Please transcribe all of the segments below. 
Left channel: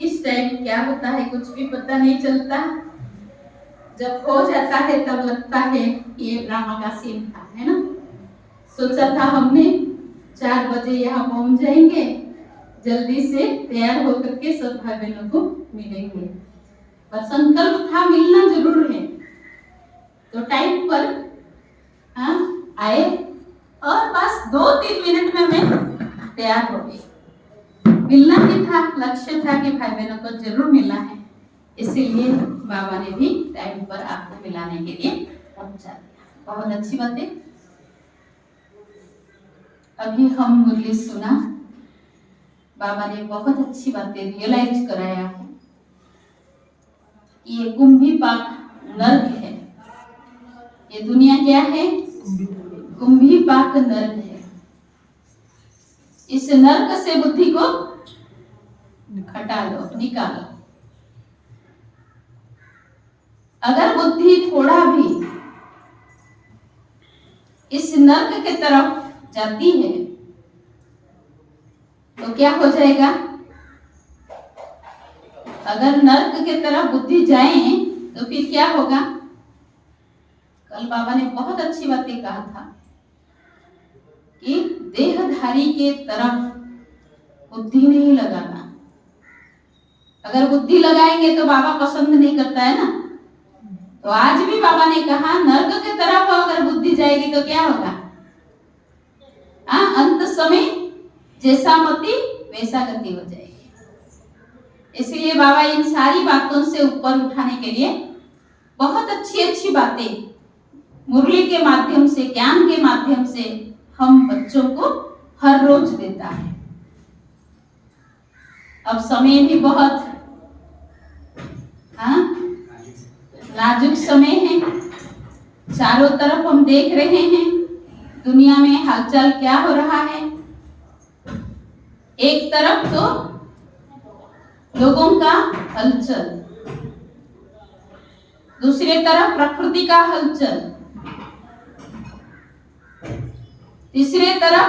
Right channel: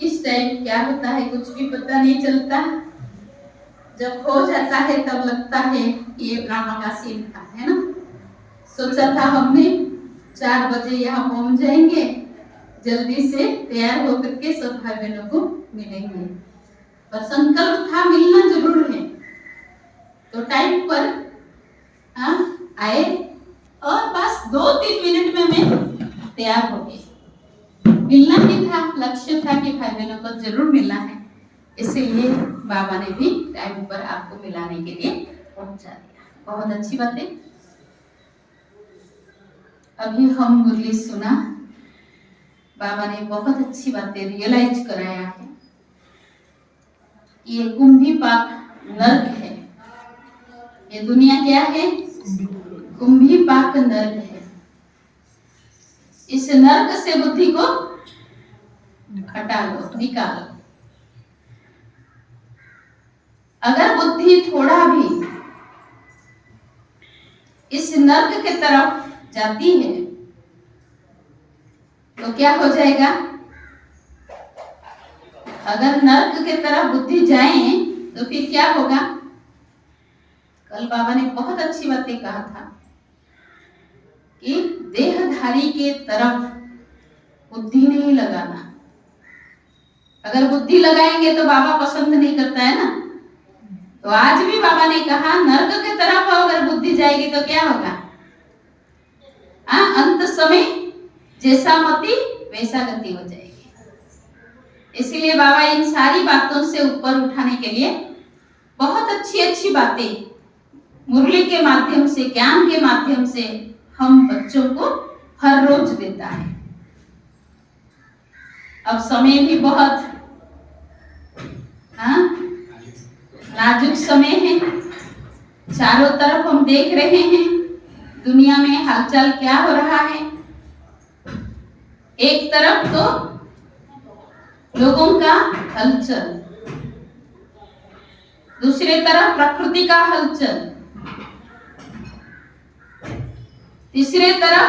किस टाइम क्या होता है कुछ भी पता नहीं चलता। जब हो जाता है तब लगता है ये ड्रामा का सीन था, है ना। सोचा था हमने 4 बजे यहाँ पहुंच जाएंगे, जल्दी से तैयार होकर के सब भाई बहनों को मिलेंगे, पर संकल्प था मिलना जरूर है। तो टाइम पर आए और बस 2-3 मिनट में मैं तैयार हो गई। मिलना ही था, लक्ष्य था कि भाई बहनों को जरूर मिलना है, इसीलिए बाबा ने भी टाइम पर आपको मिलाने के लिए पहुंचा दिया। बहुत अच्छी बात है। अभी हम मुरली सुना, बाबा ने बहुत अच्छी बातें रियलाइज कराया है। ये कुंभी पाक नर्क है, ये दुनिया क्या है? कुंभी पाक नर्क है। इस नर्क से बुद्धि को हटा लो, निकालो। अगर बुद्धि थोड़ा भी इस नर्क की तरफ जाती है तो क्या हो जाएगा? अगर नर्क की तरफ बुद्धि जाए तो फिर क्या होगा? कल बाबा ने बहुत अच्छी बातें कहा था कि देहधारी के तरफ बुद्धि नहीं लगाना। अगर बुद्धि लगाएंगे तो बाबा पसंद नहीं करता है ना। तो आज भी बाबा ने कहा नर्क की तरफ अगर बुद्धि जाएगी तो क्या होगा? अंत समय जैसा मति वैसा गति हो जाएगी। इसलिए बाबा इन सारी बातों से ऊपर उठाने के लिए बहुत अच्छी अच्छी बातें मुरली के माध्यम से, ज्ञान के माध्यम से हम बच्चों को हर रोज देता है। अब समय भी बहुत नाजुक समय है। चारों तरफ हम देख रहे हैं दुनिया में हालचाल क्या हो रहा है। एक तरफ तो लोगों का हलचल, दूसरे तरफ प्रकृति का हलचल, तीसरे तरफ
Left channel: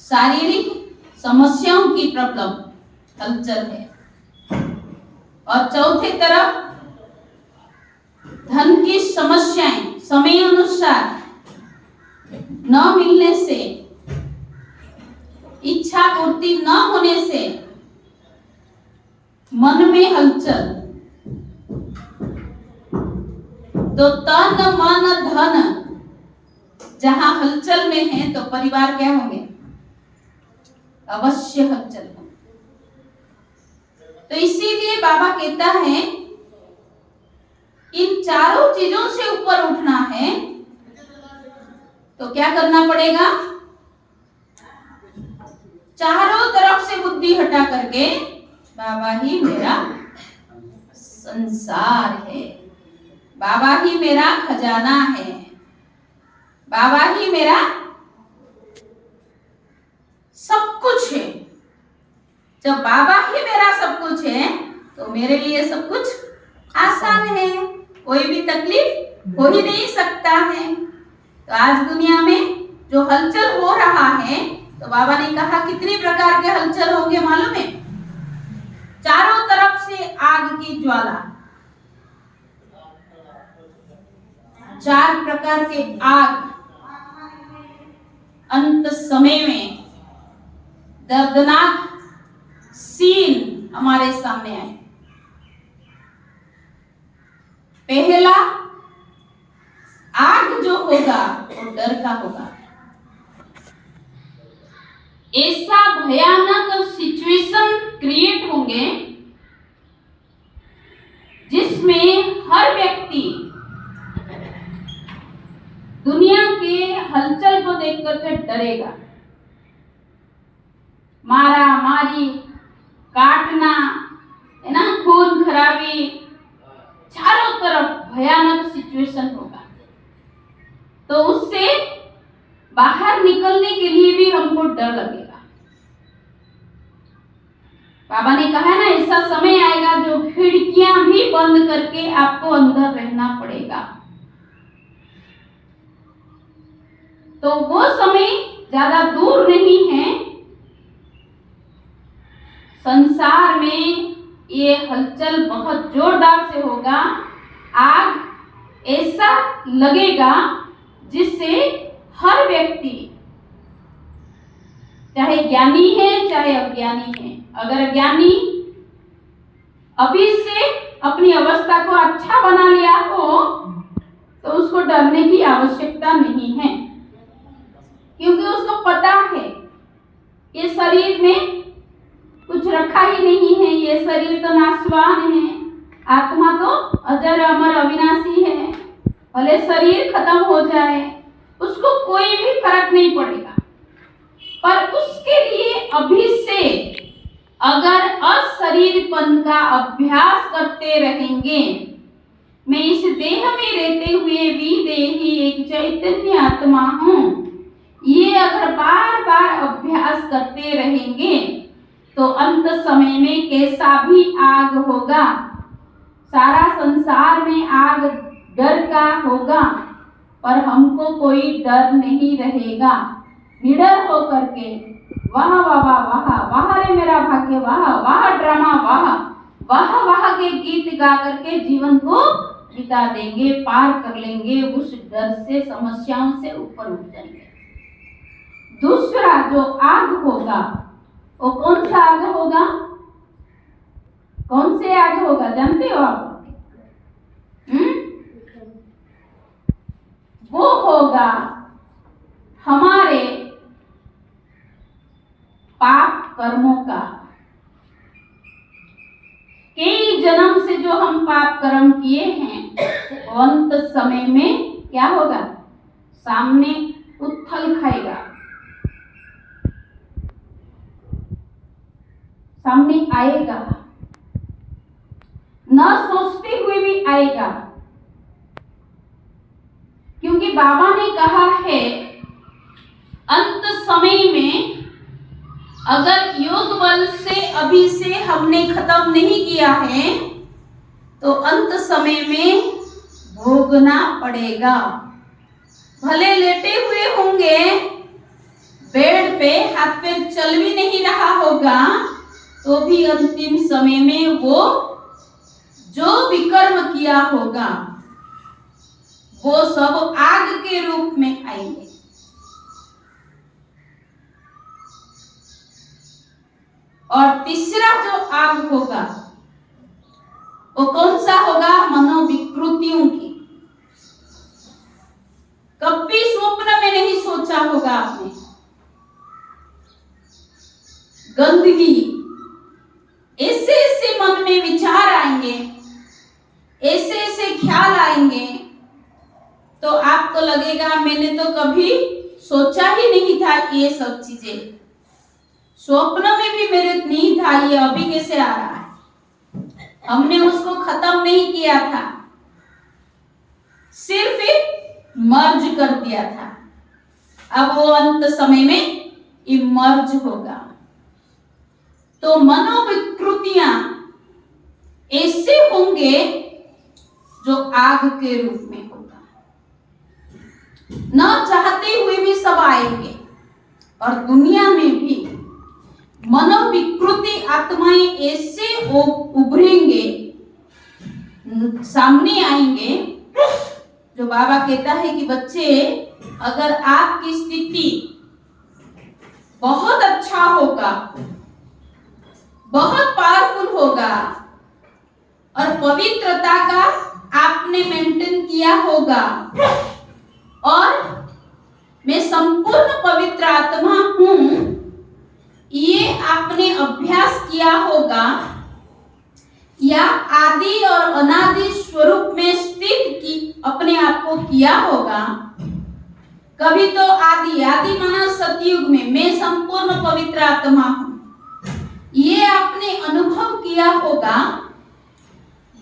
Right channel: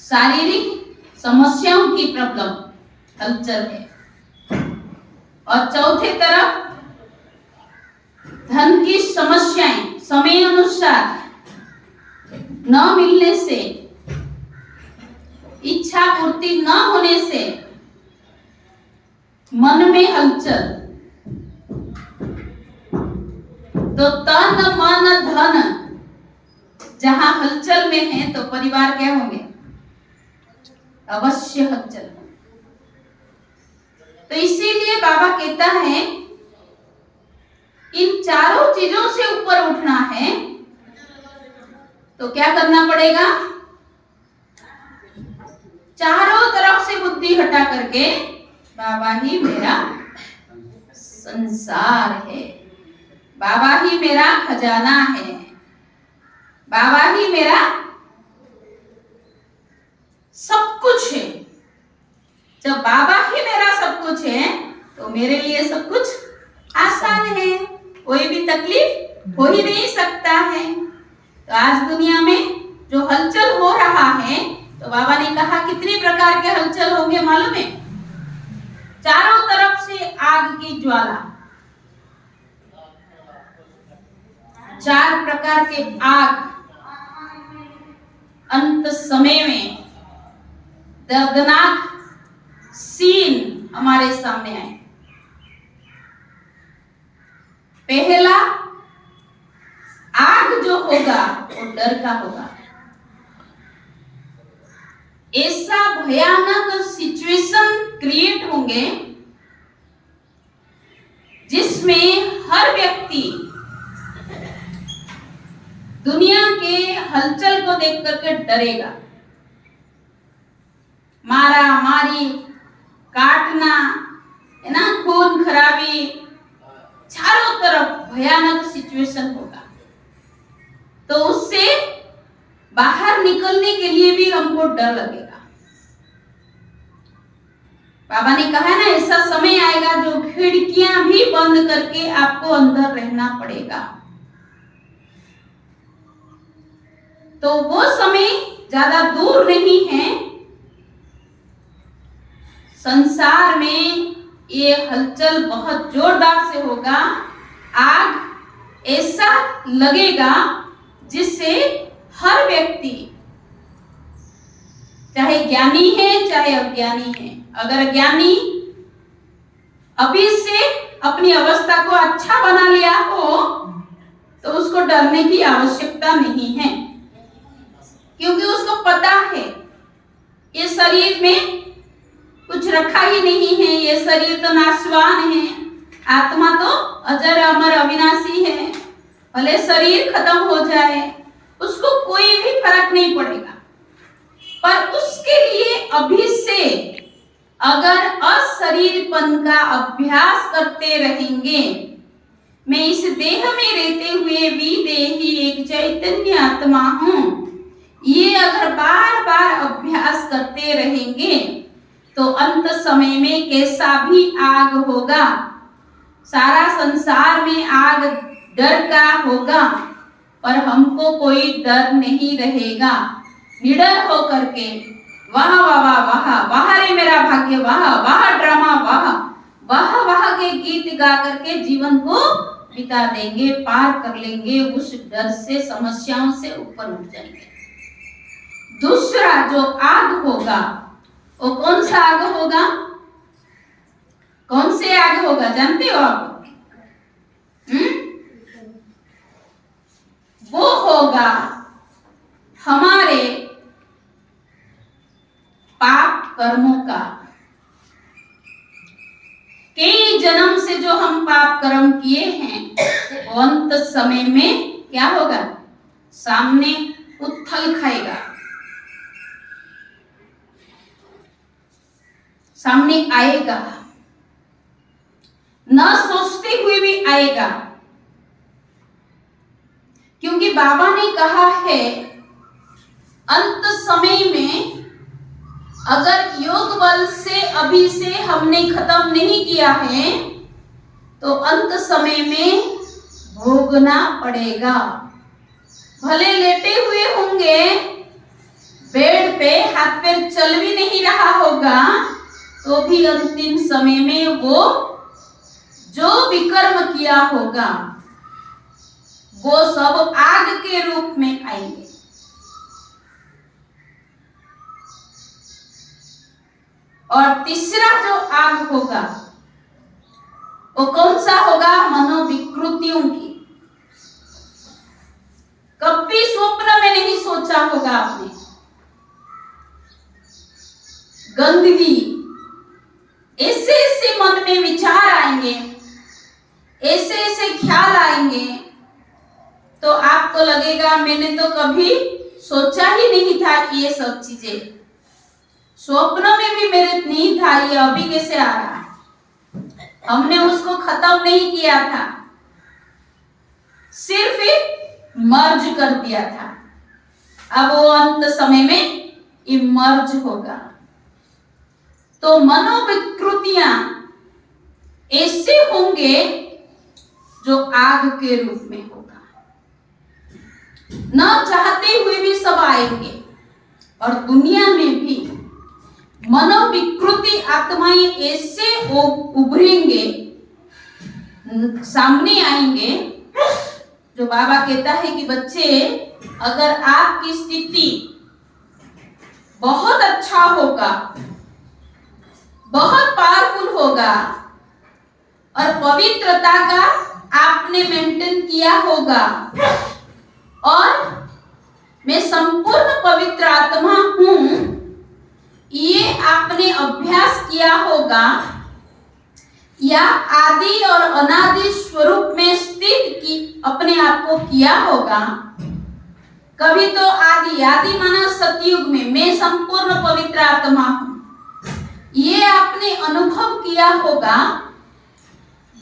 शारीरिक समस्याओं की प्रॉब्लम हलचल है, और चौथे तरफ धन की समस्याएं समय अनुसार न मिलने से, इच्छा पूर्ति न होने से मन में हलचल। तो तन मन धन जहां हलचल में है तो परिवार क्या होंगे? अवश्य हलचल। तो इसीलिए बाबा कहता है इन चारों चीजों से ऊपर उठना है तो क्या करना पड़ेगा? चारों तरफ से बुद्धि हटा करके बाबा ही मेरा संसार है, बाबा ही मेरा खजाना है, बाबा ही मेरा सब कुछ है। जब बाबा ही मेरा सब कुछ है तो मेरे लिए सब कुछ आसान है, कोई भी तकलीफ हो ही नहीं सकता है। तो आज दुनिया में जो हलचल हो रहा है तो बाबा ने कहा कितनी प्रकार के हलचल होंगे मालूम है? चारों तरफ से आग की ज्वाला, 4 प्रकार के आग अंत समय में दर्दनाक सीन हमारे सामने आए। पहला आग जो होगा वो डर का होगा। ऐसा भयानक सिचुएशन क्रिएट होंगे जिसमें हर व्यक्ति दुनिया के हलचल को देख करके डरेगा। मारा मारी, काटना, है ना, खून खराबी, चारों तरफ भयानक सिचुएशन होगा। तो उससे बाहर निकलने के लिए भी हमको डर लगेगा। बाबा ने कहा ना ऐसा समय आएगा जो खिड़कियां भी बंद करके आपको अंदर रहना पड़ेगा। तो वो समय ज्यादा दूर नहीं है। संसार में ये हलचल बहुत जोरदार से होगा। आग ऐसा लगेगा जिससे हर व्यक्ति, चाहे ज्ञानी है चाहे अज्ञानी है, अगर ज्ञानी अभी से अपनी अवस्था को अच्छा बना लिया हो तो उसको डरने की आवश्यकता नहीं है, क्योंकि उसको पता है ये शरीर में कुछ रखा ही नहीं है, ये शरीर तो नाशवान है, आत्मा तो अजर अमर अविनाशी है। भले शरीर खत्म हो जाए उसको कोई भी फर्क नहीं पड़ेगा, पर उसके लिए अभी से अगर अशरीरपन का अभ्यास करते रहेंगे, मैं इस देह में रहते हुए विदेही एक चैतन्य आत्मा हूँ, ये अगर बार बार अभ्यास करते रहेंगे तो अंत समय में कैसा भी आग होगा, सारा संसार में आग डर का होगा, पर हमको कोई डर नहीं रहेगा। निडर होकर के वाह वाह वाह वाह रे मेरा भाग्य, वाह वाह ड्रामा, वाह वाह वाह के गीत गा करके जीवन को बिता देंगे, पार कर लेंगे, उस डर से, समस्याओं से ऊपर उठ जाएंगे। दूसरा जो आग होगा वो कौन सा आग होगा? कौन से आग होगा जानते हो आप? वो होगा हमारे पाप कर्मों का। कई जन्म से जो हम पाप कर्म किए हैं वो अंत समय में क्या होगा? सामने उथल खाएगा, सामने आएगा, न सोचते हुए भी आएगा, क्योंकि बाबा ने कहा है अंत समय में अगर योग बल से अभी से हमने खत्म नहीं किया है तो अंत समय में भोगना पड़ेगा। भले लेटे हुए होंगे बेड पे, हाथ पैर चल भी नहीं रहा होगा, तो भी अंतिम समय में वो जो विकर्म किया होगा वो सब आग के रूप में आएंगे। और तीसरा जो आग होगा वो कौन सा होगा? मनोविकृतियों की। कभी स्वप्न में नहीं सोचा होगा आपने, गंदगी, ऐसे ऐसे मन में विचार आएंगे, ऐसे ऐसे ख्याल आएंगे, तो आपको लगेगा मैंने तो कभी सोचा ही नहीं था ये सब चीजें, स्वप्न में भी मेरे नहीं था, ये अभी कैसे आ रहा है? हमने उसको खत्म नहीं किया था, सिर्फ मर्ज कर दिया था। अब वो अंत समय में इमर्ज होगा। तो मनोविकृतियां ऐसे होंगे जो आग के रूप में होगा, न चाहते हुए भी सब आएंगे। और दुनिया में भी मनोविकृति आत्माएं ऐसे उभरेंगे, सामने आएंगे, जो बाबा कहता है कि बच्चे अगर आपकी स्थिति बहुत अच्छा होगा, बहुत पावरफुल होगा और पवित्रता का आपने मेंटेन किया होगा और मैं संपूर्ण पवित्र आत्मा हूं, ये आपने अभ्यास किया होगा या आदि और अनादि स्वरूप में स्थित की अपने आप को किया होगा। कभी तो आदि माना सतयुग में मैं संपूर्ण पवित्र आत्मा हूं, ये आपने अनुभव किया होगा।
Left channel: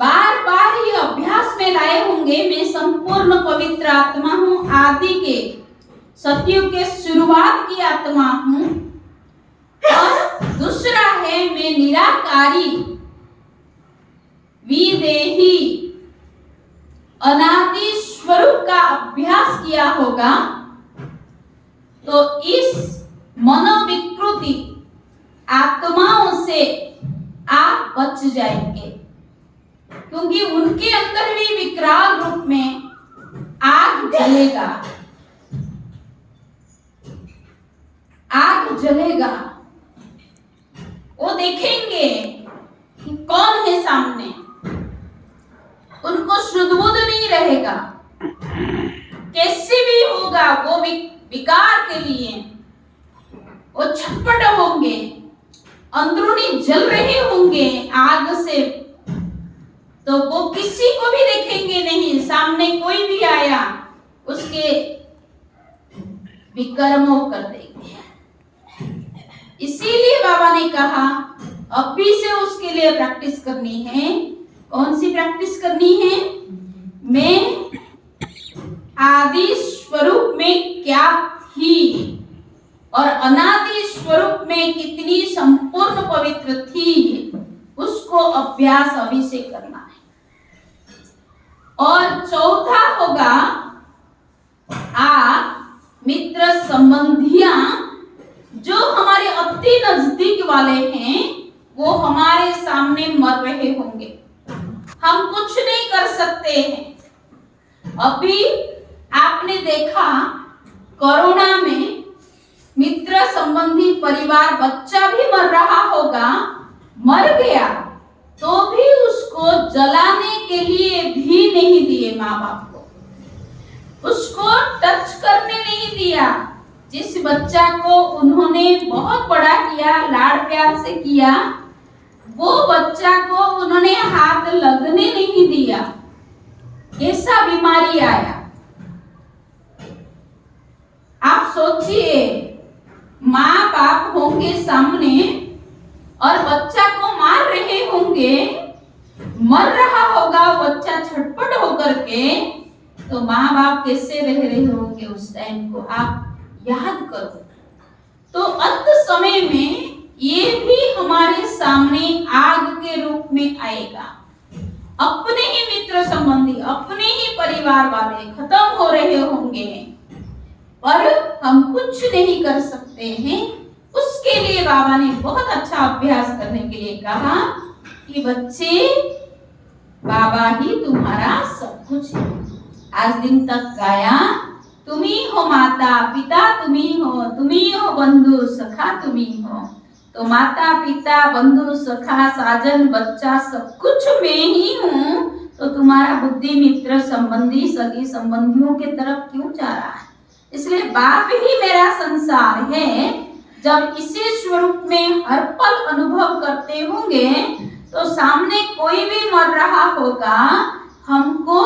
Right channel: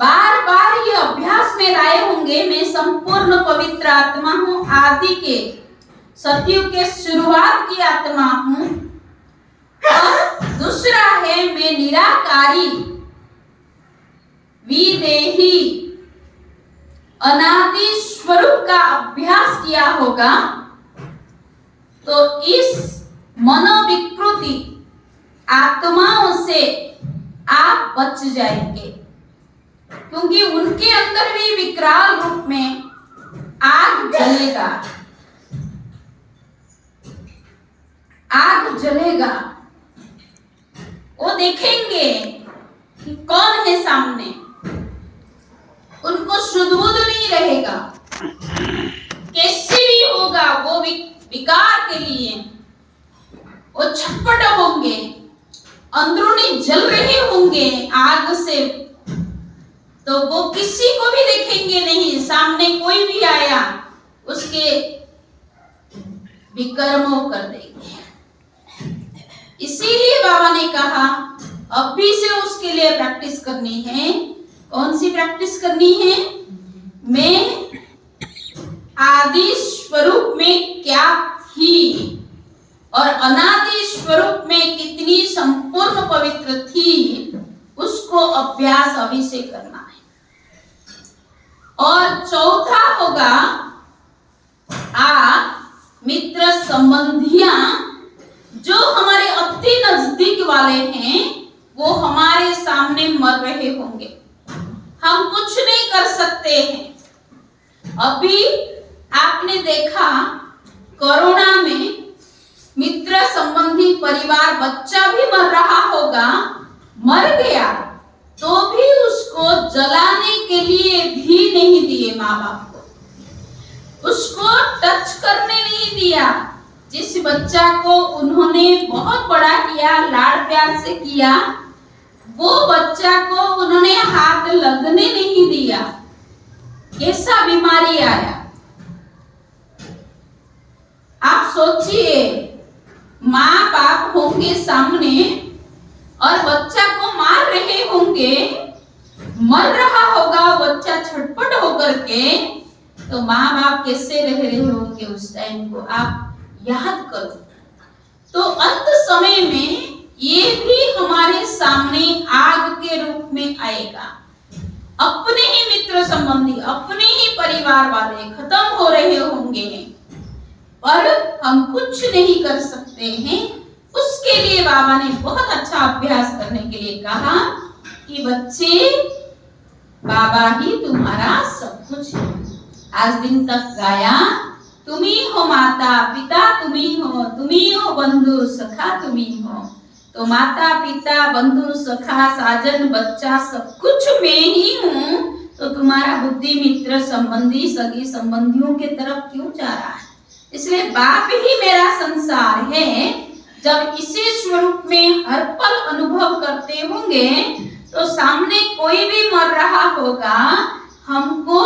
बार बार ये अभ्यास में लाए होंगे, मैं संपूर्ण पवित्र आत्मा हूं, आदि के सतयुग के शुरुआत की आत्मा हूं। और दूसरा है मैं निराकारी विदेही अनादि स्वरूप का अभ्यास किया होगा। तो इस मनोविकृति आत्माओं से आप बच जाएंगे, क्योंकि उनके अंदर भी विकराल रूप में आग जलेगा, आग जलेगा। वो देखेंगे कि कौन है सामने, उनको शुद्ध बुद्ध नहीं रहेगा, कैसे भी होगा वो विकार के लिए वो छटपट होंगे, अंदरूनी जल रहे होंगे आग से, तो वो किसी को भी देखेंगे नहीं, सामने कोई भी आया उसके विकर्मों कर देंगे। इसीलिए बाबा ने कहा अभी से उसके लिए प्रैक्टिस करनी है। कौन सी प्रैक्टिस करनी है? मैं आदि स्वरूप में क्या थी और अनादि स्वरूप में कितनी संपूर्ण पवित्र थी, उसको अभ्यास अभी से करना है। और चौथा होगा, आप मित्र संबंधियां जो हमारे अति नजदीक वाले हैं वो हमारे सामने मर रहे होंगे, हम कुछ नहीं कर सकते हैं। अभी आपने देखा कोरोना में मित्र संबंधी परिवार बच्चा भी मर रहा होगा, मर गया तो भी उसको जलाने के लिए भी नहीं दिए माँ बाप को, उसको टच करने नहीं दिया। जिस बच्चा को उन्होंने बहुत बड़ा किया, लाड़ प्यार से किया, वो बच्चा को उन्होंने हाथ लगने नहीं दिया। कैसा बीमारी आया, आप सोचिए, माँ बाप होंगे सामने और बच्चा को मार रहे होंगे, मर रहा होगा बच्चा छटपट होकर के, तो माँ बाप कैसे रह रहे होंगे उस टाइम को आप याद करो। तो अंत समय में ये भी हमारे सामने आग के रूप में आएगा। अपने ही मित्र संबंधी, अपने ही परिवार वाले खत्म हो रहे होंगे, पर हम कुछ नहीं कर सकते हैं। उसके लिए बाबा ने बहुत अच्छा अभ्यास करने के लिए कहा कि बच्चे, बाबा ही तुम्हारा सब कुछ है। आज दिन तक गाया, तुम्ही हो माता पिता, तुम्ही हो बंधु सखा, तुम्ही हो। तो माता पिता, बंधु सखा, साजन, बच्चा, सब कुछ मैं ही हूँ। तो तुम्हारा बुद्धि मित्र संबंधी, सगी संबंधियों के तरफ क्यों जा रहा है? इसलिए बाप ही मेरा संसार है। जब इसी स्वरूप में हर पल अनुभव करते होंगे, तो सामने कोई भी मर रहा होगा, हमको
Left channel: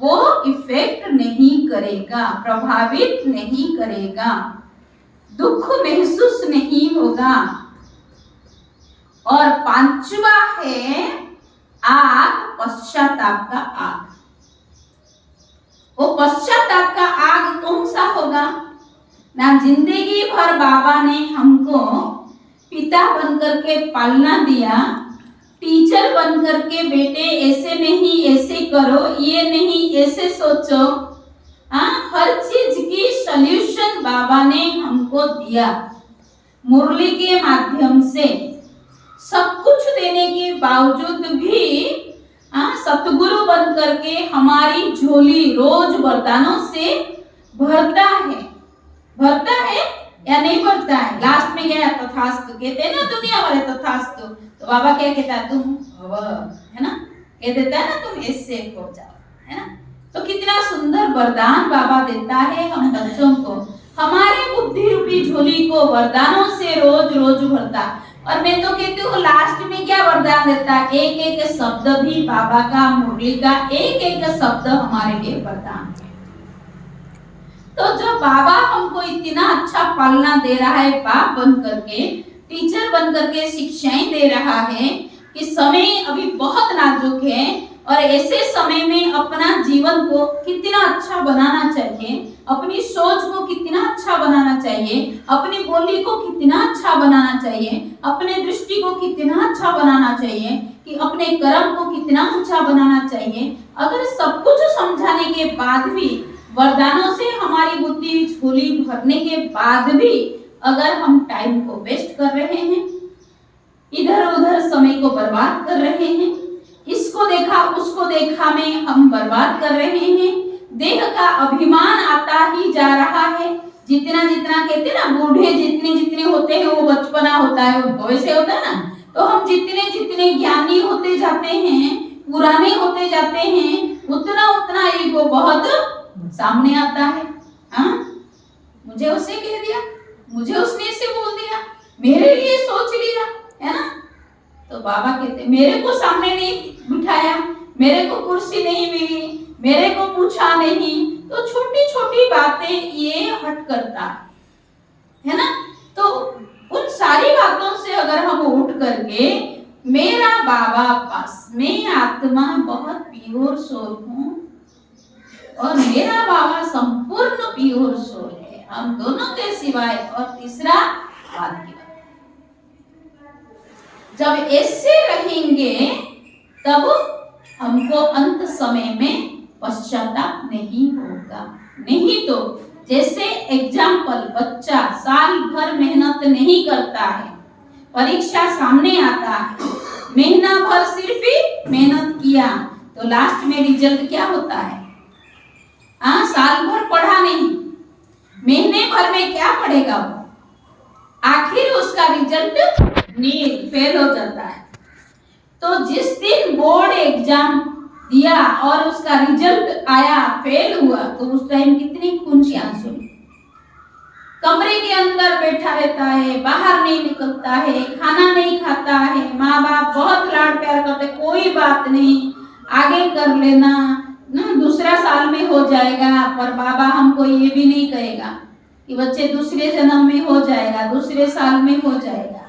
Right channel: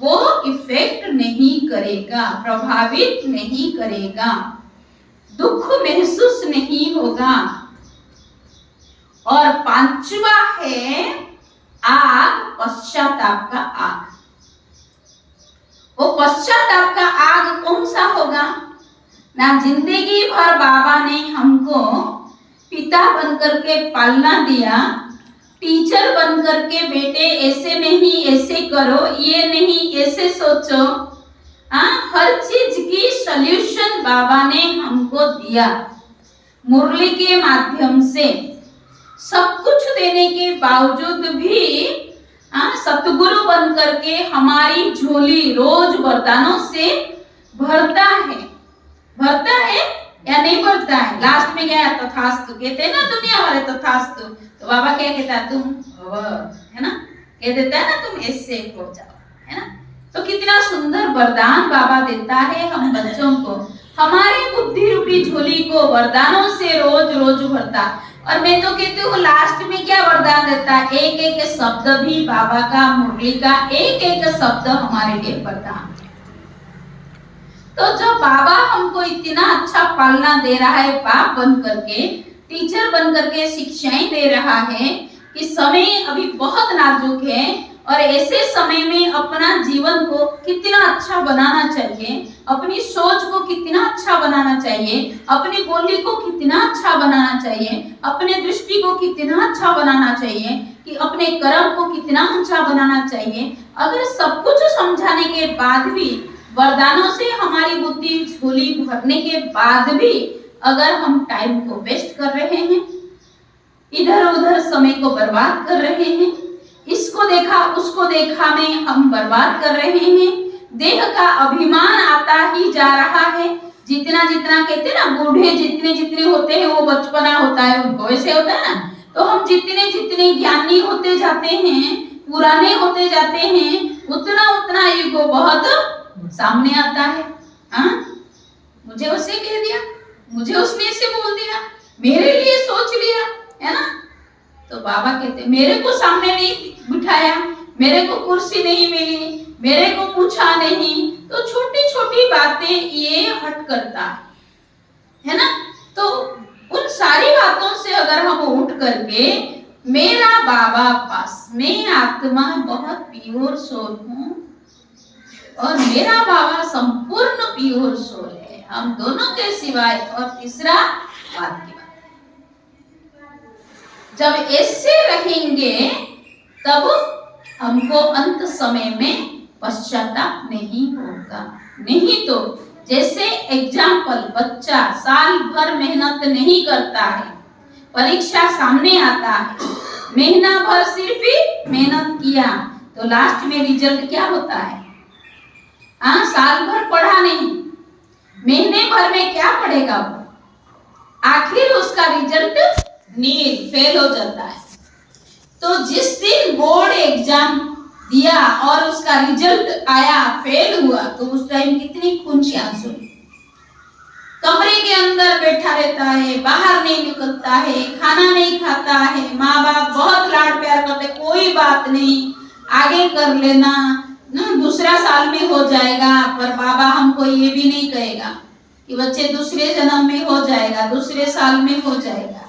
वो इफेक्ट नहीं करेगा, प्रभावित नहीं करेगा, दुख महसूस नहीं होगा। और पांचवा है आग, पश्चाताप का आग। वो पश्चाताप का आग कौन सा होगा ना? जिंदगी भर बाबा ने हमको पिता बनकर के पालना दिया, टीचर बनकर के बेटे ऐसे नहीं ऐसे करो, ये नहीं ऐसे सोचो, हर चीज की सॉल्यूशन बाबा ने हमको दिया। मुरली के माध्यम से सब कुछ देने के बावजूद भी सतगुरु बनकर के हमारी झोली रोज वरदानों से भरता है या नहीं भरता है? लास्ट में क्या है? तथास्तु कहते हैं ना दुनिया वाले, तथास्तु। तो बाबा क्या कहता है? तुम है ना, कह देता है ना, तुम ऐसे हो जाओ, है ना। तो कितना सुंदर वरदान बाबा देता है हम बच्चों को, हमारी बुद्धि रूपी झोली को वरदानों से रोज रोज भरता। और मैं तो कहती हूँ लास्ट में क्या वरदान देता है? एक एक शब्द भी बाबा का, मुरली का एक एक शब्द हमारे लिए वरदान। तो जब बाबा हमको इतना अच्छा पालना दे रहा है, बाप बन करके, टीचर बन करके शिक्षाएं दे रहा है कि समय अभी बहुत नाजुक है और ऐसे समय में अपना जीवन को कितना अच्छा बनाना चाहिए, अपनी सोच को कितना अच्छा बनाना चाहिए, अपनी बोली को कितना अच्छा बनाना चाहिए, अपने दृष्टि को कितना अच्छा बनाना चाहिए, कि अपने कर्म को कितना ऊंचा बनाना चाहिए। अगर सब कुछ समझाने के बाद भी, वरदानों से हमारी बुद्धि झोली भरने के बाद भी अगर हम टाइम को वेस्ट कर रहे हैं, इधर उधर समय को बर्बाद कर रहे हैं, इसको देखा उसको देखा में हम बर्बाद कर रहे हैं। देह का अभिमान आता ही जा रहा है। जितना जितना कहते हैं ना, बूढ़े जितने जितने होते हैं वो बचपना होता है उनको, ऐसे होता है ना। तो हम जितने जितने ज्ञानी होते जाते हैं, पुराने होते जाते हैं, उतना उतना ईगो बहुत सामने आता है। हाँ, मुझे उससे कह दिया, मुझे उसने ऐसे बोल दिया, मेरे लिए सोच लिया, है ना। तो बाबा कहते मेरे को सामने नहीं बिठाया, मेरे को कुर्सी नहीं मिली, मेरे को पूछा नहीं। तो छोटी छोटी बातें ये हट करता है ना। तो उन सारी बातों से अगर हम उठ करके मेरा बाबा पास, मैं आत्मा बहुत प्योर सोल हूँ और मेरा बाबा संपूर्ण प्योर सोल है, हम दोनों के सिवाय। और तीसरा बात की बात, जब ऐसे रहेंगे तब हमको अंत समय में पश्चाताप नहीं होगा। नहीं तो जैसे एग्जाम्पल, बच्चा साल भर मेहनत नहीं करता है, परीक्षा सामने आता है, महीना भर सिर्फ ही मेहनत किया, तो लास्ट में रिजल्ट क्या होता है? साल भर पढ़ा नहीं, महीने भर में क्या पढ़ेगा वो? आखिर उसका रिजल्ट नील, फेल हो जाता है। तो जिस दिन बोर्ड एग्जाम दिया और उसका रिजल्ट आया, फेल हुआ, तो उस टाइम कितनी खून के आंसू, कमरे के अंदर बैठा रहता है, बाहर नहीं निकलता है, खाना नहीं खाता है, माँ बाप बहुत लाड प्यार करते, कोई बात नहीं, आगे कर लेना ना, दूसरा साल में हो जाएगा। पर बाबा हमको ये भी नहीं कहेगा कि बच्चे दूसरे जन्म में हो जाएगा, दूसरे साल में हो जाएगा,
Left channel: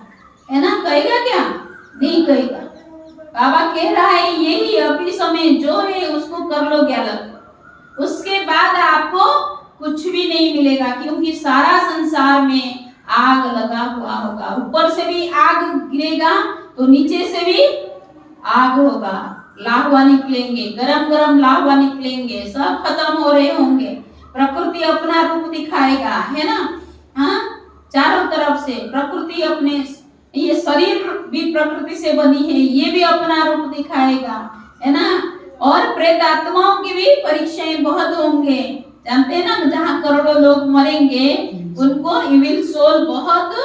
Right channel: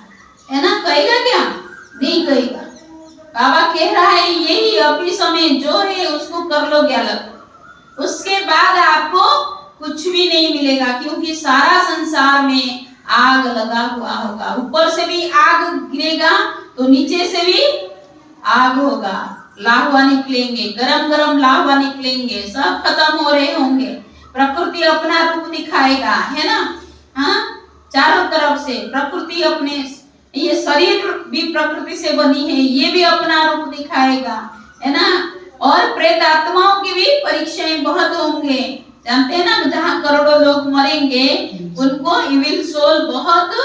है ना। कहेगा क्या? नहीं कहेगा। बाबा कह रहा है यही अभी समय जो है उसको कर लो ज्ञालक, उसके बाद आपको कुछ भी नहीं मिलेगा, क्योंकि सारा संसार में आग लगा हुआ होगा। ऊपर से भी आग गिरेगा तो नीचे से भी आग होगा, लाहवा निकलेंगे, गरम गरम लाहवा निकलेंगे, सब खत्म हो रहे होंगे। प्रकृति अपना रूप दिखाएगा, है ना। हाँ, चारों तरफ से प्रकृति अपने, ये शरीर भी प्रकृति से बनी है, ये भी अपना रूप दिखाएगा, है ना। और प्रेत आत्माओं की भी परीक्षाएं बहुत होंगे, जानते हैं ना, जहाँ करोड़ों लोग मरेंगे उनको इविल सोल बहुत